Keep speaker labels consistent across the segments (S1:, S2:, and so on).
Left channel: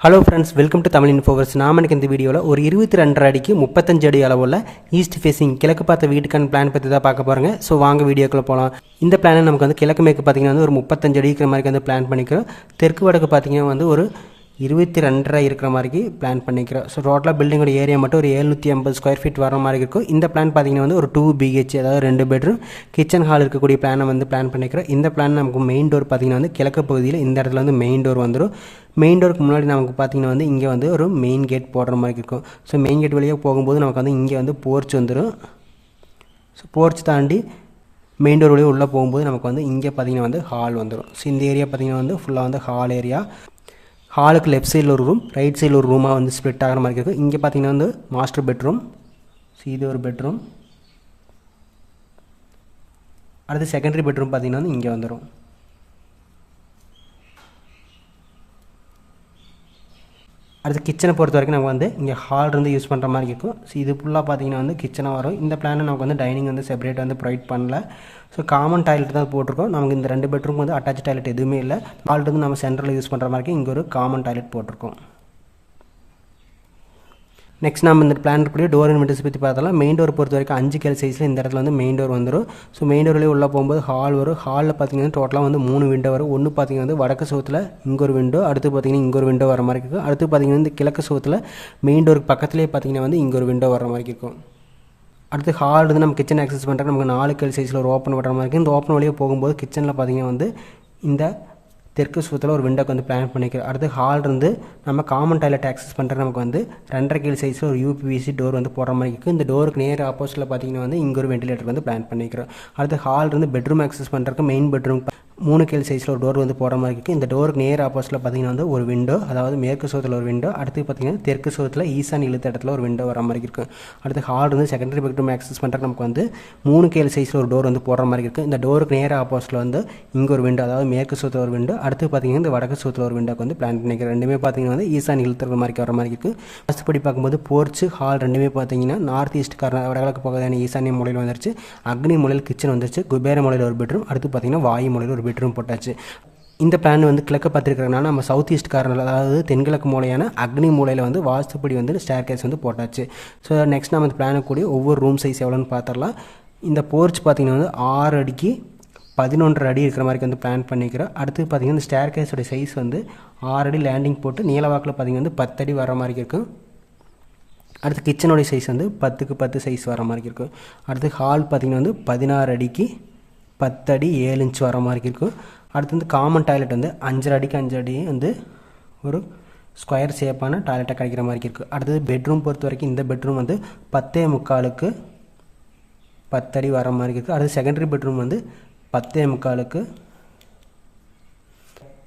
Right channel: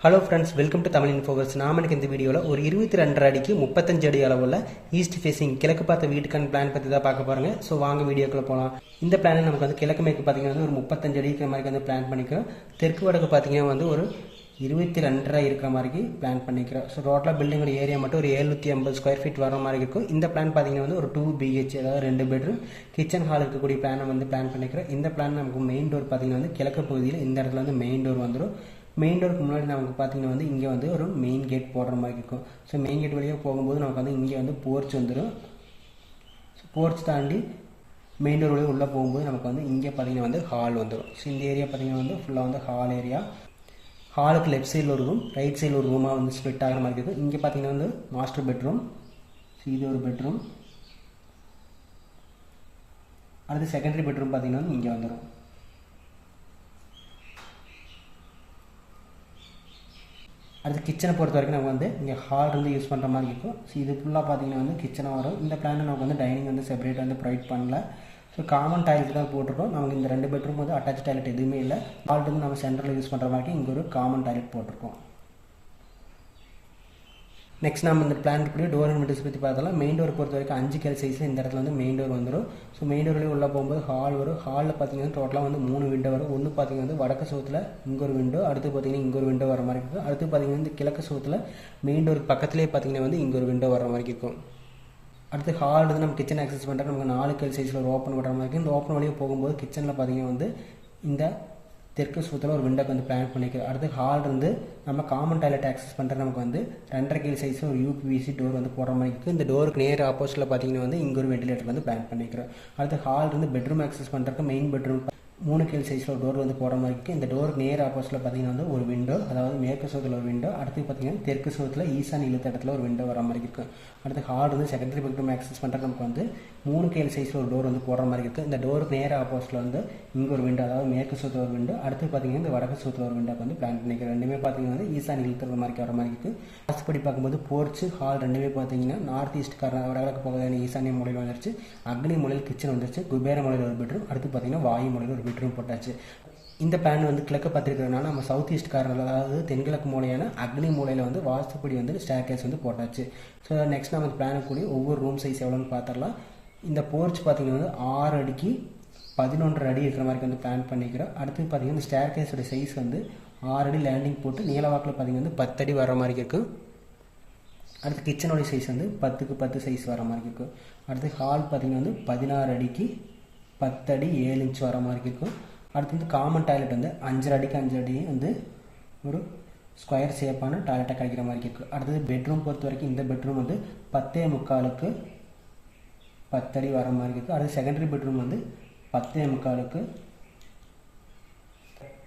S1: Hello friends welcome to Tamil Infoverse நாம எனக்கு இந்த வீடியோவில் ஒரு இருபத்தி ரெண்டரை அடிக்கு முப்பத்தஞ்சு அடி அளவில் ஈஸ்ட் ஃபேஸிங் கிழக்கு பார்த்த வீட்டுக்கான பிளான் பற்றி தான் பார்க்க போகிறோங்க ஸோ வாங்க வீடியோக்குள்ளே போகலாம் இந்த பிளானை நமக்கு வந்து கிழக்கு மேற்கு பார்த்திங்கன்னா வந்து ஒரு முப்பத்தஞ்சு அடி இருக்கிற மாதிரி வந்து பிளான் பண்ணிக்கிறோம். தெற்கு வடக்கு பார்த்தீங்கன்னா வந்து ஒரு இருபத்தி ரெண்டரை இருக்கிற மாதிரி பிளான் பண்ணிக்கிறோம். ஸோ டோட்டலாக பில்டிங்கோட ஏரியா மட்டும் ஒரு எழுநூற்றி ஐம்பது ஸ்கொயர் ஃபீட் வர மாதிரி இருக்கும். இந்த பிளான் பார்த்தீங்கன்னா வந்து ஒரு டூ பிஹெச் அதாவது ரெண்டு பெட்ரூம் கிச்சன் ஹால் இருக்கக்கூடிய பிளானை வந்து பிளான் பண்ணிக்கிறோம். இந்த பிளான் நமக்கு மெயின் டோர் பார்த்தீங்கன்னா வந்து கிழக்கு பகுதியில் இந்த இடத்துல வந்து மெயின் டோர் வந்துடும் மெயின் டோருக்கு முன்னாடி நமக்கு பார்த்தீங்கன்னா வந்து இங்கே வந்து ஒரு மெயின் கேட் போடுற மாதிரி இருக்கும். ஸோ மெயின் கேட் வழியாக போகும்போது நமக்கு வந்து இங்கே வந்து போர்ச் வந்துடும் ஸோ போர்ச் தாண்டி மெயின் டோர் வழியாக உள்ளே போகும்போது நமக்கு வந்து இங்கே பார்த்தீங்கன்னா வந்து ஹால் வந்துடும் ஸோ இந்த ஏரியா பார்த்தீங்கன்னா வந்து ஃபுல்லாக வந்து ஹால் ஏரியா ஹாலுக்கு லெஃப்ட் சைடில் ஒரு ரூம் ரைட் சைடில் ஒரு ரூமாக வந்து ஸ்ப்ளிட் ஆகிற மாதிரி இருக்குது. இங்கே பார்த்தீங்கன்னா வந்து மாஸ்டர் பெட்ரூம் இது ஒரு பெட்ரூம் அடுத்து செகண்டரி பெட்ரூம் பார்த்தீங்கன்னா வந்து இங்கே வந்துடும் அடுத்து கிச்சனை பொறுத்த வரைக்கும் நம்ம வந்து இங்கே ஹால் இருந்து யூஸ் பண்ணுற மாதிரி இருக்கும். ஸோ இது ஃபுல்லாக பார்த்தீங்கன்னா வந்து கிச்சனாக வரும். இந்த பிளானை நமக்கு வந்து டைனிங் வந்து செப்பரேட் வந்து ப்ரொவைட் பண்ணல. ஸோ காமன் டாய்லெட் தான் போட்டிருக்கோம். நமக்கு இந்த ரெண்டு பெட்ரூம் வந்து அட்டாச் டாய்லெட் எதுவுமே இல்லை. ஹால் இருந்து நம்ம சென்டரில் யூஸ் பண்ணுற மாதிரி இங்கே ஒரு காமன் டாய்லெட் போட்டிருக்கோம். நெக்ஸ்ட் நம்ம இந்த பிளான் இருக்கக்கூடிய டோர் அண்ட் விண்டோஸ் பற்றி பார்த்தாலும் மெயின் டோர் பொறுத்த வரைக்கும் அஞ்சு கேள் சைஸில் இந்த இடத்துல வந்து மெயின் டோர் வந்துடும் ஸோ மெயின் டோர்லேயே உள்ளே போகும்போது ஹால் வரும். ஹாலில் பார்த்தீங்கன்னா டோட்டலாக வந்து மூணு விண்டோ வரும். ஒன்று பார்த்தீங்கன்னா வந்து வடக்கு சோத்தில் இங்கே ஒரு விண்டோ அடுத்து பார்த்தீங்கன்னா இங்கே ஒரு விண்டோ வர மாதிரி இருக்கும். அடுத்து பார்த்தீங்கன்னா இந்த கிழக்கு சோத்தில் மெயின் டோருக்கு பக்கத்துலேயே பார்த்தீங்கன்னா வந்து இங்கே ஒரு விண்டோ வர மாதிரி இருக்கும். அடுத்து ஹால் வந்து நம்ம கிச்சன் ஆக்சஸ் பண்ணுறது நமக்கு நாலு கேள் சைஸில் ஒரு ஓப்பன் பண்ணுற மாதிரி இருக்குது இந்த ஓப்பன் வழியாக போகும்போது கிச்சனில் பார்த்தீங்கன்னா வந்து இந்த தெற்கு சுத்தத்தில் ஒரு விண்டோக்கு வந்து பிளான் பண்ணிக்கிறோம். அடுத்து ஹால் இருந்து நம்ம காமன் டாய்லெட் ஆக்சஸ் பண்ணுறது நமக்கு வந்து ரெண்டரை கீழ் சைஸில் ஒரு யூபிவிசி டோர் வந்து போடுற மாதிரி இருக்குது இந்த டோருக்கு நேர் ஆப்போசிட்டில் பார்த்தீங்கன்னா வந்து இங்கே ஒரு வெண்டிலேட்டர் வந்து பிளான் பண்ணிக்கிறோம். அடுத்து ஹால் இருந்து பெட்ரூம் ஆக்சஸ் பண்ணுறதுக்கு மெயின் பெட்ரூம் மூணு கேள் சைஸில் ஒரு டோர் வந்து போகிற மாதிரி இருக்குது இந்த டோருக்கு நேர் ஆப்போசிட்டில் பார்த்தீங்கன்னா வந்து ஒரு விண்டோ அதாவது மேற்கு சுகத்தில் ஒரு விண்டோ அடுத்து பார்த்தீங்கன்னா தெற்கு சுகத்தில் ஈசான் இழுத்த இடத்துல ஒரு விண்டோ வர மாதிரி இருக்கும் அடுத்து ஹால் வந்து செகண்டரி பெட்ரூம் ஆக்சஸ் பண்ணுற நமக்கு வந்து மூணு கேள் சைஸில் ஒரு டோர் வந்து போடுற மாதிரி இருக்குது இந்த டோருக்கு நேர் ஆப்போசிட்டில் வந்து இங்கே ஒரு விண்டோ அதாவது மேற்கு சுகத்தில் ஒரு விண்டோ அடுத்து பார்த்தீங்கன்னா இந்த வடக்கு சுகத்தில் ஒரு விண்டோக்கு வந்து பிளான் பண்ணிக்கிறேன் ரெண்டுமே பார்த்தீங்கன்னா வந்து ஈசான் இழுத்துற மாதிரி வர மாதிரி இருக்குது ஃபஸ்ட் படி பார்க்கும்போது போர்ச்சு ஹால் ரெண்டுமே பார்த்தீங்கன்னா நார்த் ஈஸ்ட் கார வடகிழக்கு பகுதியான ஈசானிய மூலையில் வந்துருச்சு. அக்னி மூலையில் கிச்சன் வந்துருச்சு. குபேர மூலையில் ஒரு பெட்ரூம் அடுத்து பார்த்தீங்கன்னா வாயு மூலையில் ஒரு பெட்ரூம் போட்டாச்சு. இந்த பிளான் வந்து கிழக்க பார்த்துருக்கிறதுனால நம்ம சவுத் ஈஸ்ட் கார்னர் அதாவது தென்கிழக்கு மூலையான அக்னி மூலையில் வந்து வாஸ்துப்படி வந்து ஸ்டேர் கேஸ் வந்து போட்டாச்சு. ஸோ நெக்ஸ்ட் நம்ம இந்த பிளானை கூடிய ஒவ்வொரு ரூம் சைஸ் எவ்வளோன்னு பார்த்துடலாம் இந்த போர்ச் பார்த்திங்கன்னா வந்து ஆறு அடிக்கு பதினொன்றரை அடி இருக்கிற மாதிரி வந்து பிளான் பண்ணிக்கிறோம். அடுத்து பார்த்திங்கன்னா இந்த ஸ்டேர் கேஸோட சைஸ் வந்து ஆறு அடி லேண்டிங் போட்டு நீளவாக்கில் பார்த்திங்கன்னா வந்து பத்தடி வர மாதிரி இருக்கும். அடுத்து கிச்சனோடைய சைஸ் வந்து பத்துக்கு பத்து சைஸ் வர மாதிரி இருக்கும். அடுத்து ஹால் பார்த்திங்கன்னா வந்து பதினாறு அடிக்கு பத்தடி ஏழு இன்ச் வர மாதிரி இருக்கும் அடுத்து வந்து காமன் டாய்லெட் வந்து அஞ்சரை அடிக்கு அஞ்சு அடி வந்து ஒரு ஸ்கொயர் ஷேப்பான டாய்லெட்டாக கிடைக்கிற மாதிரி இருக்குது அடுத்தது பெட்ரூம் பொறுத்த வரைக்கும் இந்த பெட்ரூம் வந்து பத்தே முக்காலுக்கு பத்தடி வர மாதிரி இருக்குது அடுத்து செகண்டரி பெட்ரூம் வந்து பத்தே முக்காலுக்கு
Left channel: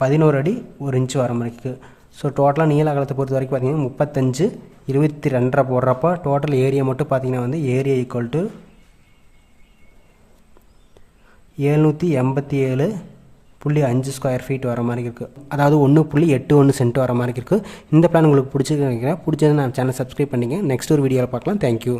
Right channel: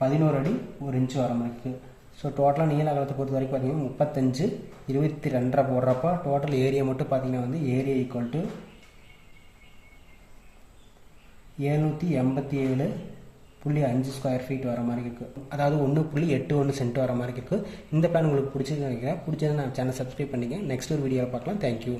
S1: பதினோரு அடி ஒரு இன்ச்சு வர மாதிரி இருக்குது ஸோ டோட்டலாக நீல அகலத்தை பொறுத்த வரைக்கும் பார்த்தீங்கன்னா முப்பத்தஞ்சு இருபத்தி ரெண்டரை போடுறப்ப டோட்டல் ஏரியா மட்டும் பார்த்தீங்கன்னா வந்து ஏரியா ஈக்குவல் டு எழுநூற்றி எண்பத்தி ஏழு புள்ளி அஞ்சு ஸ்கொயர் ஃபீட் வர மாதிரி இருக்குது அதாவது ஒன்று புள்ளி எட்டு ஒன்று சென்ட் வர மாதிரி இருக்குது இந்த பிளான் உங்களுக்கு பிடிச்சிருக்கு நினைக்கிறேன். பிடிச்சது நான் சேனல் சப்ஸ்கிரைப் பண்ணிங்க நெக்ஸ்ட் ஒரு வீடியோவில் பார்க்கலாம். தேங்க்யூ